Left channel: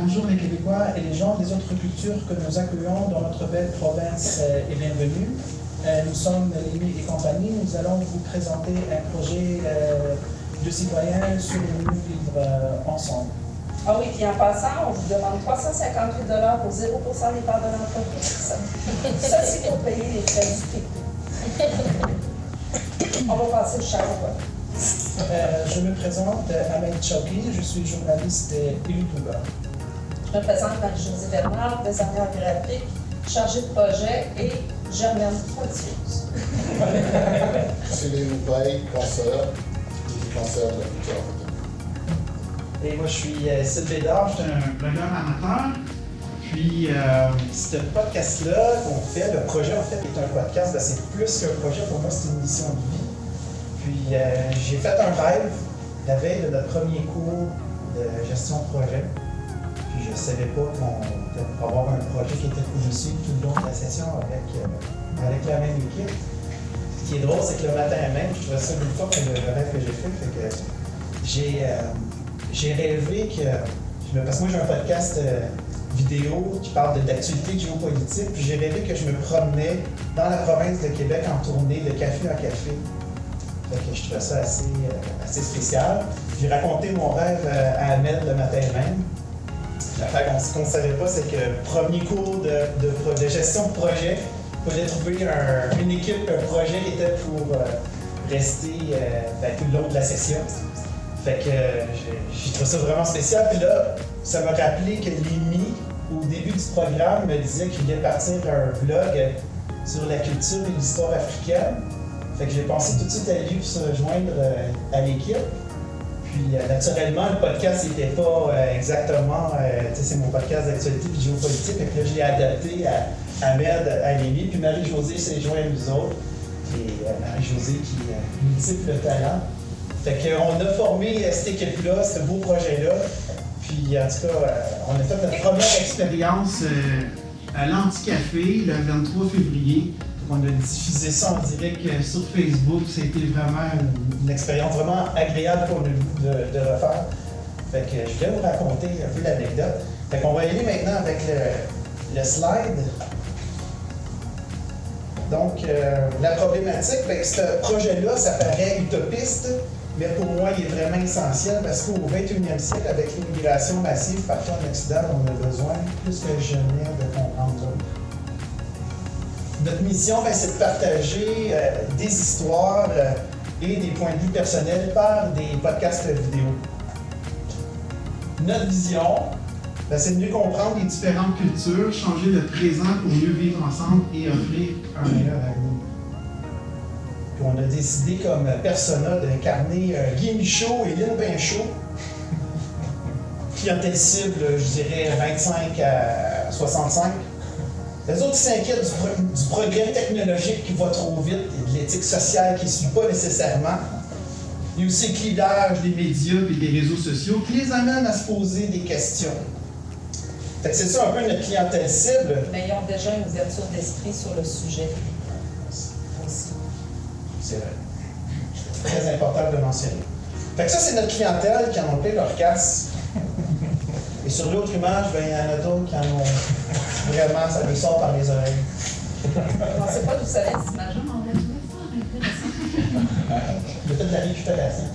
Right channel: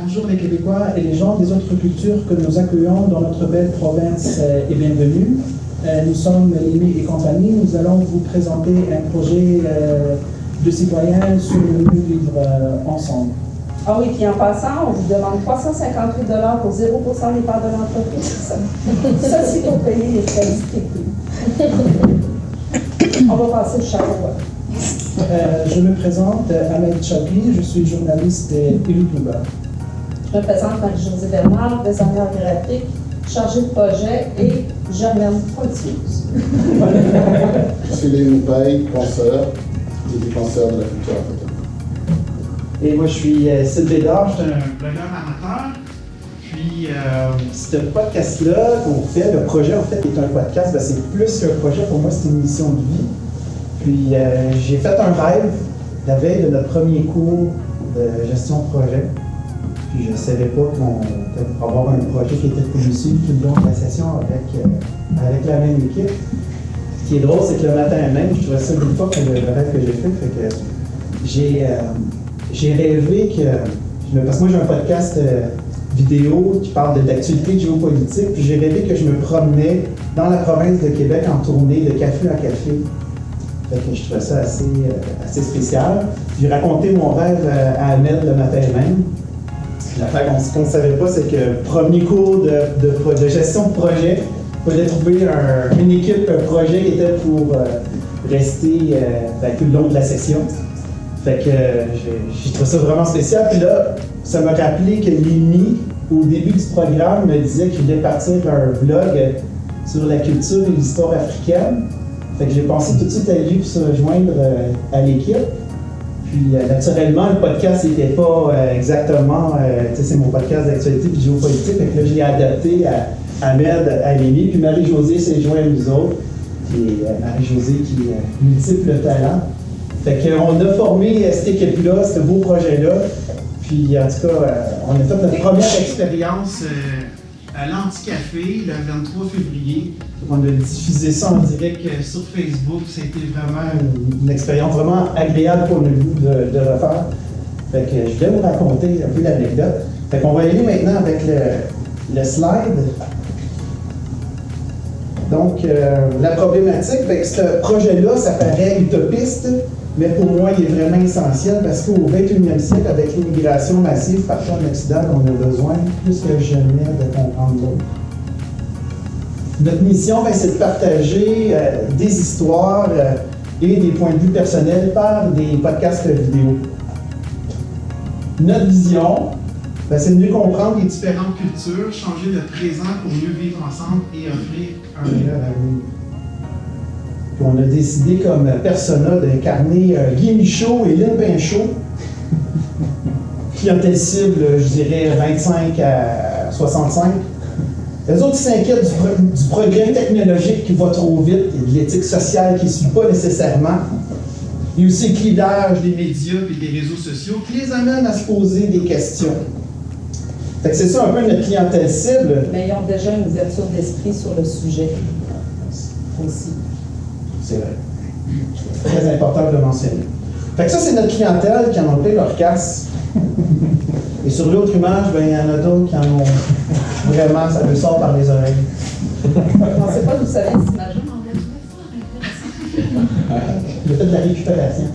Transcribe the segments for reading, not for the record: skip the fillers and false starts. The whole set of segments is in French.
Bonjour les Québécois et les gens des autres cultures que nous accueillons dans notre belle province et bienvenue. Nous sommes Lémi et compagnie. Nous allons vous présenter un projet de citoyens sur le mieux vivre ensemble. Ah oui, puis en passant, on vous demande 358 $ pour 0% des parts de l'entreprise. Ça, c'est pour payer les frais distribués. On va passer le chapeau. Je me présente, Ahmed Chowki, je suis journaliste et YouTuber. Je me présente Marie-Josée Bernard, designer graphique, chargée de projet et Germaine Poitieuse. Je suis Léon Paye, penseur, défenseur de la culture africaine. Et moi, je suis Sylvain Bédard, je suis un blogueur amateur. Puis, ce podcast-là qu'on fait, le projet en fait est un podcast, ben, c'est plus qu'un projet, pour moi, c'est une mission de vie. Puis, j'ai fait un rêve la veille de notre premier cours de gestion de projet. Puis, je ne savais pas qu'on allait avoir un projet qui était conçu tout le long de la session avec la même équipe. Ce qui est drôle, c'est que le matin même, je trouvais ça une fois que le rêve que j'ai fait que j'ai rêvé que, parce que moi j'ai un podcast vidéo qui parle d'actualité géopolitique, puis j'ai rêvé que je me promenais dans la province de Québec en tournée de café en café. Fait que je trouvais ça assez spécial. J'ai raconté mon rêve à Ahmed le matin même. L'affaire qu'on ne savait pas, c'est que premier cours de gestion de projet, il fallait trouver une équipe, un projet qui était pour rester tout le long de la session. Fait que j'ai trouvé ça vraiment spécial. Puis là, ça m'a rappelé que Lémi, au début du programme, me disait qu'il voulait partir un vlog sur la culture et l'histoire africaine. Fait que j'ai pensé tout de suite à lui pour se rejoindre à l'équipe. Puis naturellement, le podcast n'était pas exactement, c'est mon podcast d'actualité et géopolitique. Fait que là, je l'ai adapté à Ahmed, à Lémi. Puis Marie-Josée s'est jointe à nous autres. Puis Marie-Josée qui a multiples talents. Fait qu'on a formé cette équipe-là, ce beau projet-là. Puis en tout cas, on a fait notre première expérience à l'Anticafé le 23 février. On a diffusé ça en direct sur Facebook. Ça a été vraiment une expérience vraiment agréable pour nous de refaire. Fait que je voulais vous raconter un peu l'anecdote. Fait qu'on va y aller maintenant avec le slide. Donc, la problématique, bien, ce projet-là, ça paraît utopiste, mais pour moi, il est vraiment essentiel parce qu'au 21e siècle, avec l'immigration massive partout en Occident, on a besoin plus que jamais de comprendre l'autre. Notre mission, bien, c'est de partager des histoires et des points de vue personnels par des podcasts vidéo. Notre vision, bien, c'est de mieux comprendre les différentes cultures, changer le présent pour mieux vivre ensemble et offrir un meilleur avenir. Puis on a décidé comme persona d'incarner Guy Michaud et Lynn Pinchot. Clientèle cible, je dirais 25 à 65. Les autres s'inquiètent du progrès technologique qui va trop vite et de l'éthique sociale qui ne suit pas nécessairement. Il y a aussi le clivage des médias et des réseaux sociaux qui les amène à se poser des questions. Fait que c'est ça un peu notre clientèle cible. Mais ils ont déjà une ouverture d'esprit sur le sujet aussi. C'est vrai. C'est très important de le mentionner. Fait que ça, c'est notre clientèle qui en ont plein leur casse. Et sur l'autre image, ben, il y en a d'autres qui en ont vraiment, ça lui sort par les oreilles. On ne sait pas d'où ça vient cette image-là, mais on va trouver ça intéressant. Il a fait de la récupération.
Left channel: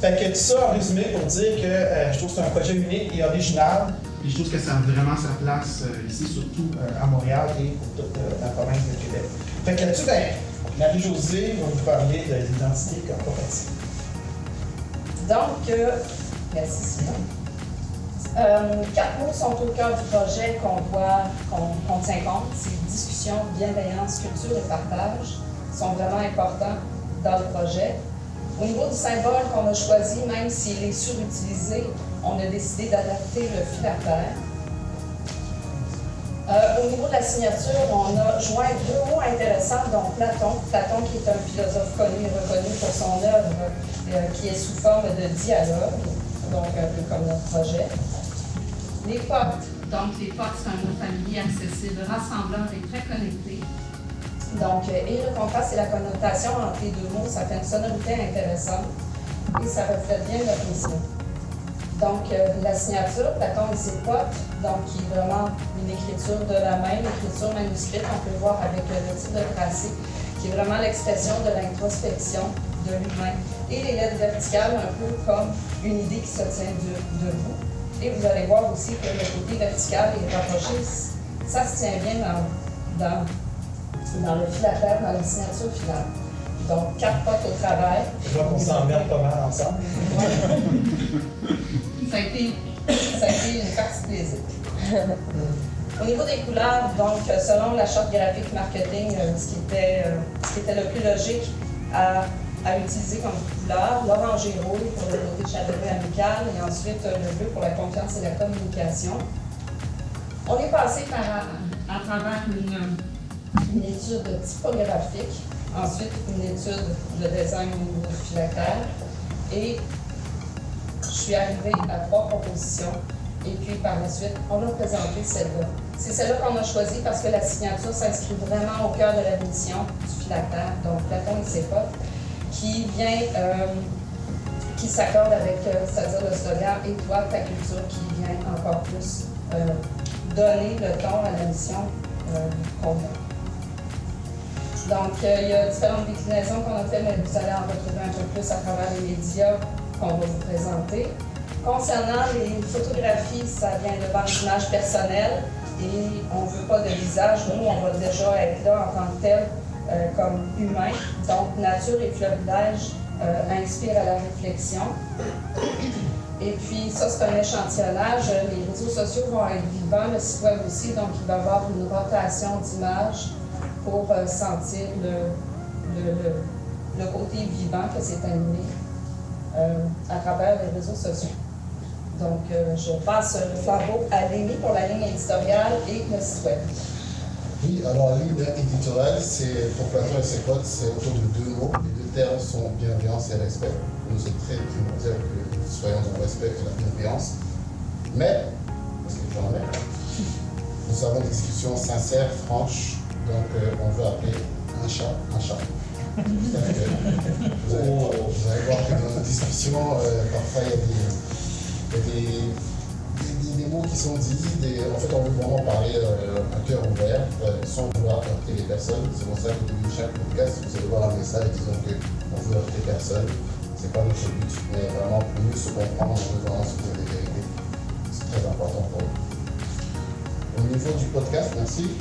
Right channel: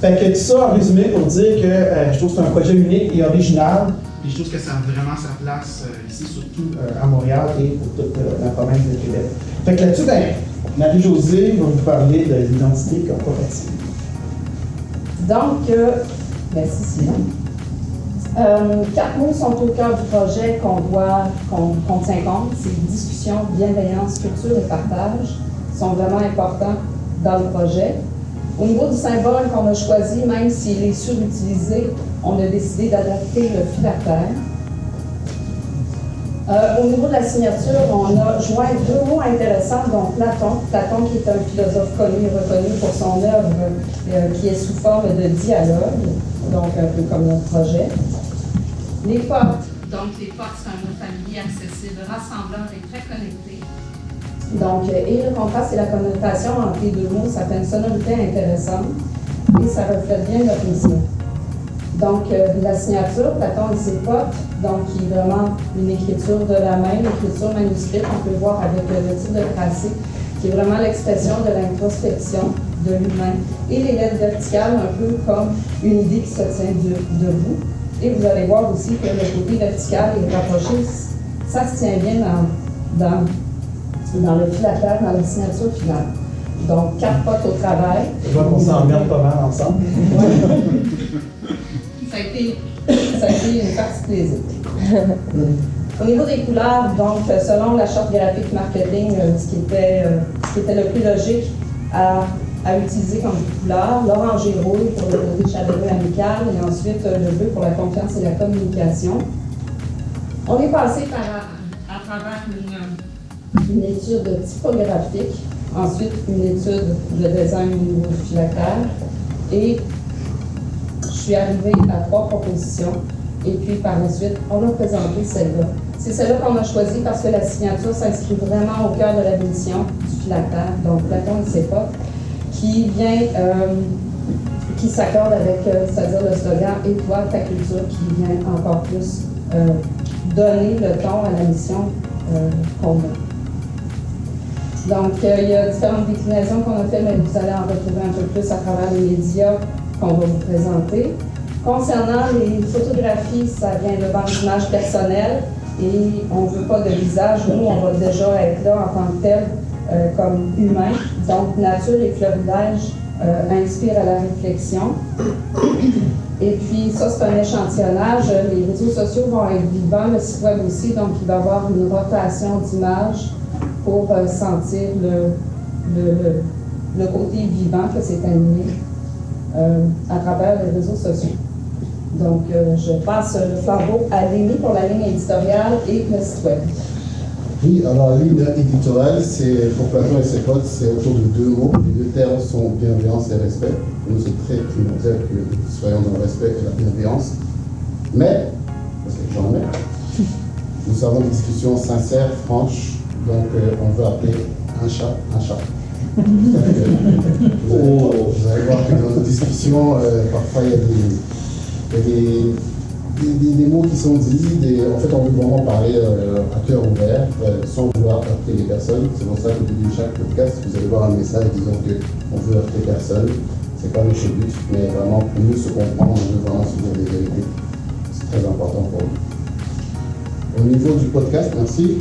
Fait que tout ça en résumé pour dire que je trouve que c'est un projet unique et original. Puis je trouve que ça a vraiment sa place ici, surtout à Montréal et pour toute la province de Québec. Fait que là-dessus, ben, Marie-Josée va vous parler de l'identité corporative. Donc, merci Sylvain. 4 mots sont au cœur du projet qu'on tient compte. C'est discussion, bienveillance, culture et partage sont vraiment importants dans le projet. Au niveau du symbole qu'on a choisi, même s'il est surutilisé, on a décidé d'adapter le filataire. Au niveau de la signature, on a joint 2 mots intéressants, dont Platon. Platon qui est un philosophe connu et reconnu pour son œuvre qui est sous forme de dialogue, donc un peu comme notre projet. Les portes. Donc, les portes, c'est un mot familier, accessible, rassembleur et très connecté. Donc, et le contraste et la connotation entre les 2 mots, ça fait une sonorité intéressante et ça reflète bien notre mission. Donc, la signature, Platon et ses potes, donc qui est vraiment une écriture de la main, l'écriture manuscrite, on peut le voir avec le titre de tracé, qui est vraiment l'expression de l'introspection de l'humain. Et les lettres verticales, un peu comme une idée qui se tient debout. Et vous allez voir aussi que le côté vertical est rapproché, ça se tient bien dans le filataire, dans la signature finale. Donc, 4 potes au travail. Je vois qu'on s'emmerde pas mal ensemble. Ça a été une partie de plaisir. Au niveau des couleurs, donc, selon la charte graphique marketing, ce qui était le plus logique à utiliser comme couleur, l'orange et rouge pour le côté chaleureux amical, et ensuite le bleu pour la confiance et la communication. On est passé à travers une étude typographique, ensuite une étude de design au niveau du filataire, et je suis arrivée à 3 propositions, et puis par la suite, on a présenté celle-là. C'est celle-là qu'on a choisie parce que la signature s'inscrit vraiment au cœur de la mission du filataire, donc Platon et ses potes, qui vient, qui s'accorde avec, c'est-à-dire le slogan « Et toi, ta culture », qui vient encore plus donner le ton à la mission qu'on a. Donc, il y a différentes déclinaisons qu'on a faites, mais vous allez en retrouver un peu plus à travers les médias qu'on va vous présenter. Concernant les photographies, ça vient de bandes d'images personnelles et on ne veut pas de visage. Nous, on va déjà être là en tant que tel, comme humain. Donc, nature et florilège inspirent à la réflexion. Et puis, ça, c'est un échantillonnage. Les réseaux sociaux vont être vivants, le site web aussi, donc il va y avoir une rotation d'images pour sentir le côté vivant que c'est animé à travers les réseaux sociaux. Donc, je passe le flambeau à Lémi pour la ligne éditoriale et le site web. Oui, alors la ligne éditoriale, c'est pour Platon et ses potes, c'est autour de 2 mots. Les 2 termes sont bienveillance et respect. Pour nous, c'est très primordial que nous soyons dans le respect et la bienveillance. Mais, parce que j'en ai, nous avons des discussions sincères, franches, donc on veut appeler un chat un chat. Vous allez voir que dans nos discussions, parfois il y a des mots qui sont dits, en fait on veut vraiment parler à cœur ouvert, sans vouloir heurter les personnes. C'est pour ça qu'au début de chaque podcast, vous allez voir un message disant qu'on veut heurter personne. C'est pas notre but, mais vraiment pour mieux se comprendre, on veut vraiment se dire des vérités. C'est très important pour nous. Au niveau du podcast, merci.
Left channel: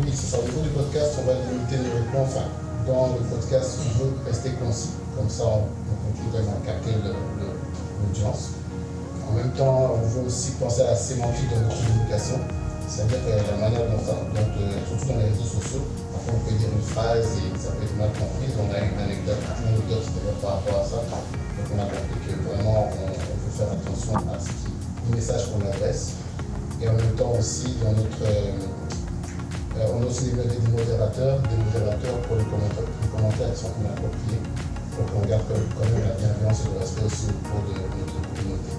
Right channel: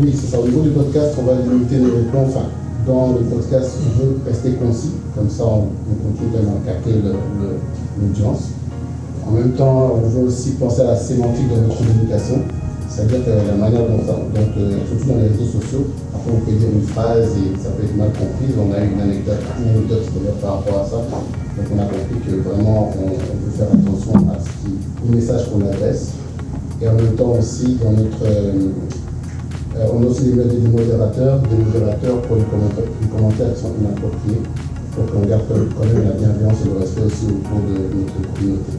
Oui, c'est ça. Au niveau du podcast, on va limiter nos réponses. Enfin, dans le podcast, on veut rester concis. Comme ça, on continue quand même à capter l'audience. En même temps, on veut aussi penser à la sémantique de notre communication. C'est-à-dire que la manière dont surtout dans les réseaux sociaux, après on peut dire une phrase et ça peut être mal compris. On a une anecdote d'ailleurs par rapport à ça. Donc on a compris que vraiment on peut faire attention à au message qu'on adresse. Et en même temps aussi, dans notre, on a aussi des modérateurs pour les commentaires qui sont inappropriés, pour qu'on garde quand même la bienveillance et le respect aussi autour de notre communauté.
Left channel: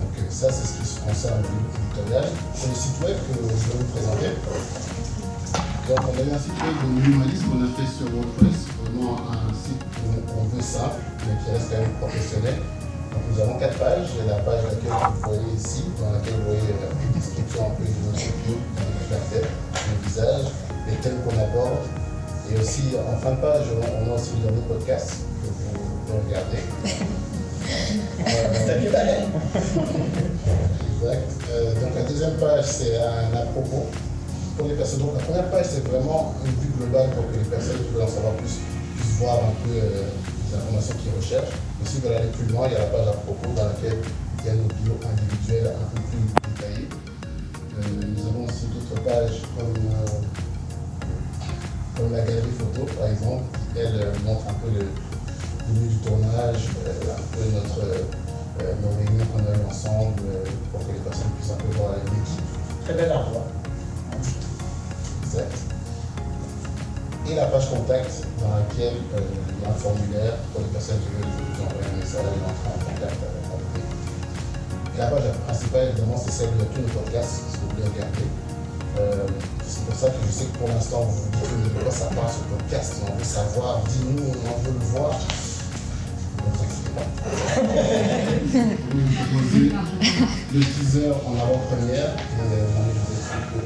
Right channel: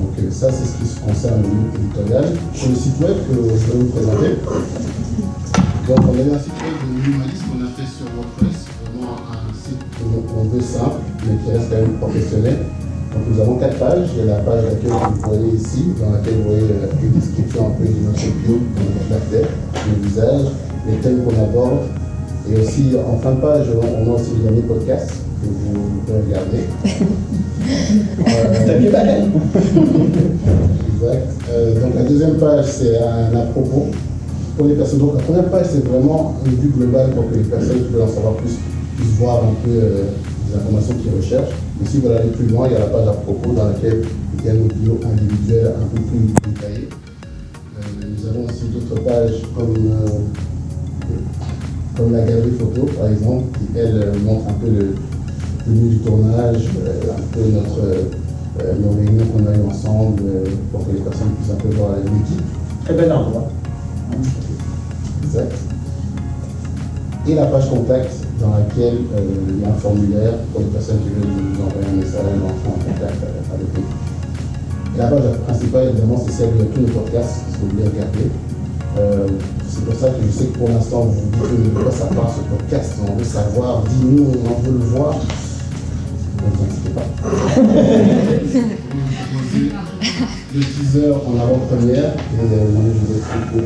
Donc ça, c'est ce qui se concerne au niveau éditorial. Sur le site web que je vais vous présenter, donc on a eu un site web de minimalisme qu'on a fait sur WordPress, vraiment un site qu'on veut simple, mais qui reste quand même professionnel. Donc nous avons 4 pages. Il y a la page d'accueil que vous voyez ici, dans laquelle vous voyez une description un peu de notre bio, de notre tête, le visage, les thèmes qu'on aborde. Et aussi, en fin de page, on a aussi le dernier podcast que vous pouvez regarder. T'as bien pareil. Exact. Donc la deuxième page, c'est un à propos pour les personnes. Donc la première page, c'est vraiment une vue globale pour que les personnes qui veulent en savoir plus puissent voir un peu les informations qu'ils recherchent. Et si vous voulez aller plus loin, il y a la page à propos dans laquelle il y a nos bios individuels un peu plus détaillés. Nous avons aussi d'autres pages comme la galerie photo, par exemple, qui elle montre un peu le lieu du tournage, un peu nos réunions qu'on a eues ensemble, pour que les personnes puissent un peu voir l'équipe. Très bel endroit. Exact. Et la page contact, dans laquelle il y a un formulaire pour les personnes qui veulent nous envoyer un message, entrer en contact avec l'équipe. Et la page principale, évidemment, c'est celle de tous nos podcasts, si vous voulez regarder. C'est pour ça que je sais que pour l'instant, vous vous dites de quoi ça part ce podcast, on veut savoir, dis-nous, on veut le voir. Ne vous inquiétez pas. proposer le teaser en avant-première et je vais expliquer.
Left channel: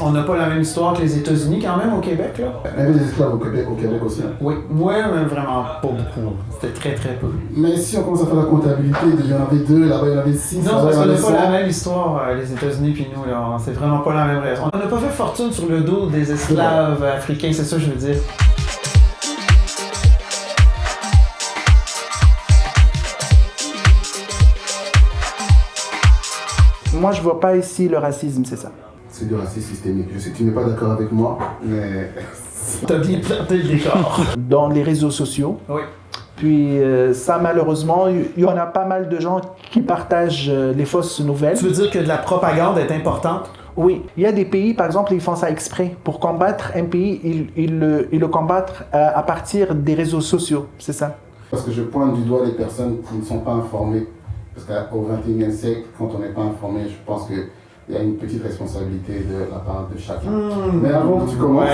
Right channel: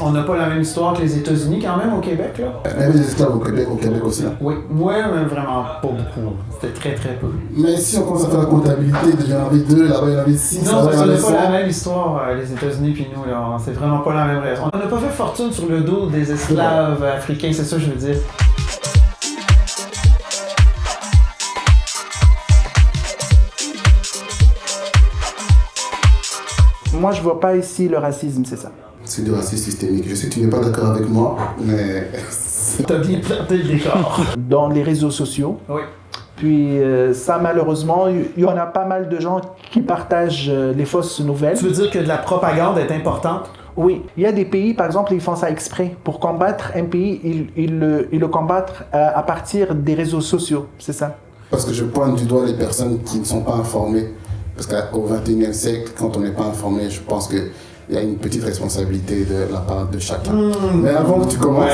On n'a pas la même histoire que les États-Unis quand même au Québec, là? Même les esclaves au Québec aussi. Oui, moi, mais vraiment pas beaucoup. C'était très très peu. Mais si on commence à faire la comptabilité, il y en avait 2, là-bas il y en avait 6. Non, parce qu'on n'a pas la même histoire, les États-Unis puis nous, là. C'est vraiment pas la même raison. On n'a pas fait fortune sur le dos des esclaves africains, c'est ça que je veux dire. Moi, je vois pas ici le racisme, c'est ça. C'est du racisme systémique. Je sais que tu n'es pas d'accord avec moi, mais... T'as bien planté le décor. Dans les réseaux sociaux. Oui. Puis ça, malheureusement, il y en a pas mal de gens qui partagent les fausses nouvelles. Tu veux dire que de la propagande est importante? Oui. Il y a des pays, par exemple, ils font ça exprès. Pour combattre un pays, ils le combattent à partir des réseaux sociaux, c'est ça. Parce que je pointe du doigt les personnes qui ne sont pas informées. Parce qu'au XXIe siècle, quand on n'est pas informé, je pense qu'il y a une petite responsabilité de la part de chacun. Mais avant que tu commences,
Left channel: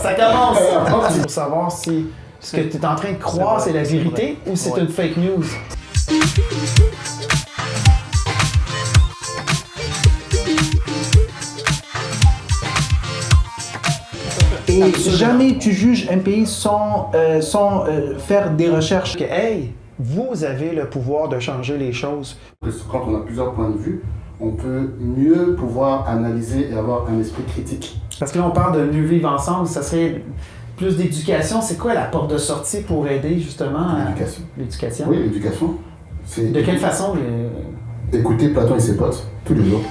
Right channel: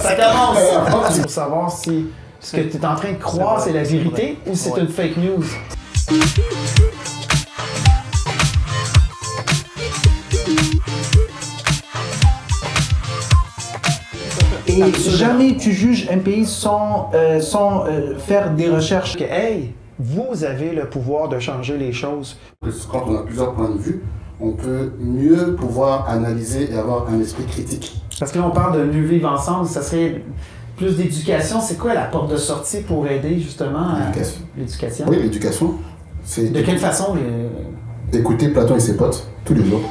Ça commence! Pour savoir si ce que tu es en train de croire, c'est la vérité ou c'est une fake news. Et jamais tu juges un pays sans faire des recherches. Que, hey, vous avez le pouvoir de changer les choses. Quand on a plusieurs points de vue, on peut mieux pouvoir analyser et avoir un esprit critique. Parce que là, on parle de mieux vivre ensemble, ça serait plus d'éducation. C'est quoi la porte de sortie pour aider justement à l'éducation? Oui, l'éducation. De quelle façon? Écouter Platon et ses potes tous les jours.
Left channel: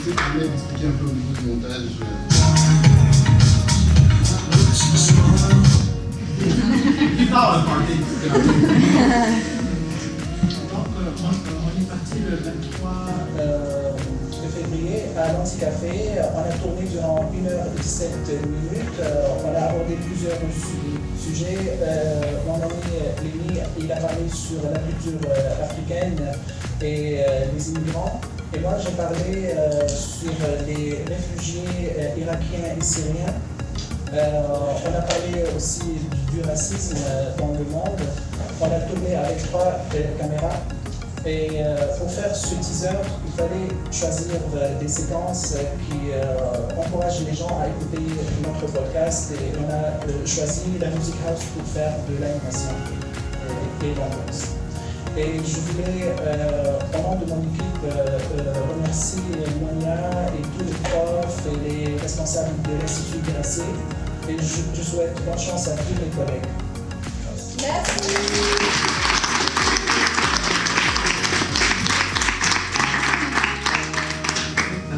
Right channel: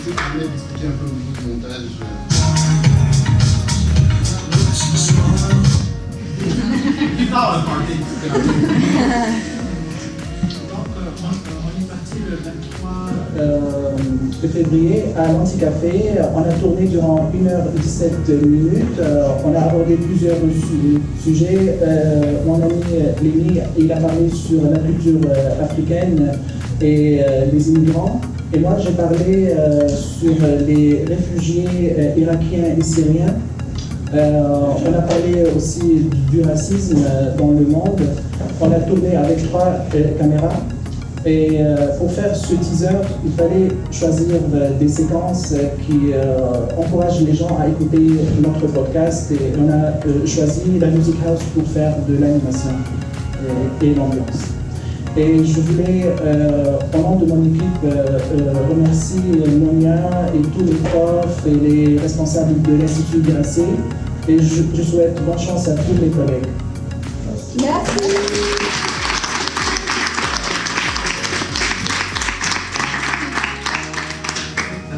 Je vais expliquer un peu au niveau du montage. On est parti le 23 de février à l'Anticafé. On a tourné durant 1h17 minutes. On a abordé plusieurs sujets. Mon ami Lémi, il a parlé sur la culture africaine et les immigrants. Et moi, j'ai parlé sur les réfugiés irakiens et syriens. On a parlé aussi du racisme dans le monde. On a tourné avec 3 caméras. Et pour faire ce teaser, il fallait choisir des séquences qui encouragent les gens à écouter notre podcast. Et on a choisi la Music House pour faire de l'animation et l'ambiance. Et je voulais, au nom de mon équipe, remercier Monia et tous les profs et les responsables de l'Institut Grasset. Et je souhaite bonne chance à tous les collègues. Merci.